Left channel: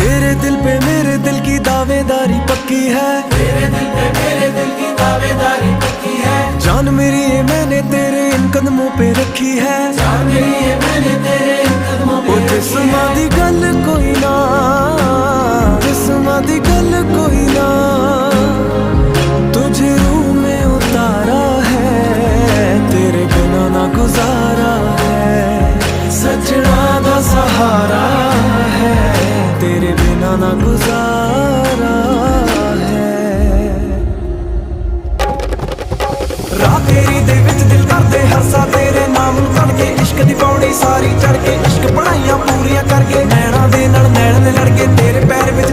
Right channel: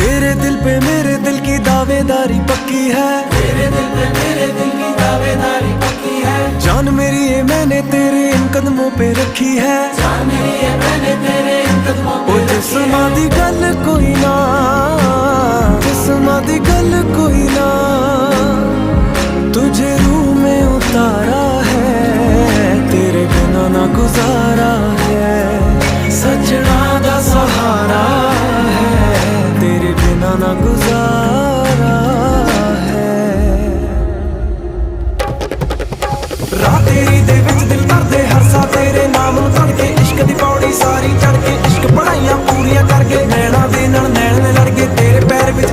तेरे दिल पे मेरे दिल की दावेदारी पक्की है, तेरे दिल पे मेरे दिल की दावेदारी पक्की है। जान मेरी ये मैंने तेरे इन कदमों पे रखी है, जान मेरी ये मैंने तेरे इन कदमों पे। ओ जिस्मां दी गल कोई ना, जिस्मां दी गल कोई ना, तुझे रूह में उतारा है, तेरे बिना ना गुजारा है। सजना दा सहारा है, तेरे बिना ना गुजारा है। राह तेरी दे विच दिल करदे हरसा तेरे नाम नूं पढ़ के, इश्क दी पौड़ी सारी चढ़ के, इश्क पढ़ाइयां पूरियां करके, नैना दे नाल नैन ने लड़ के, तेरे पैर विच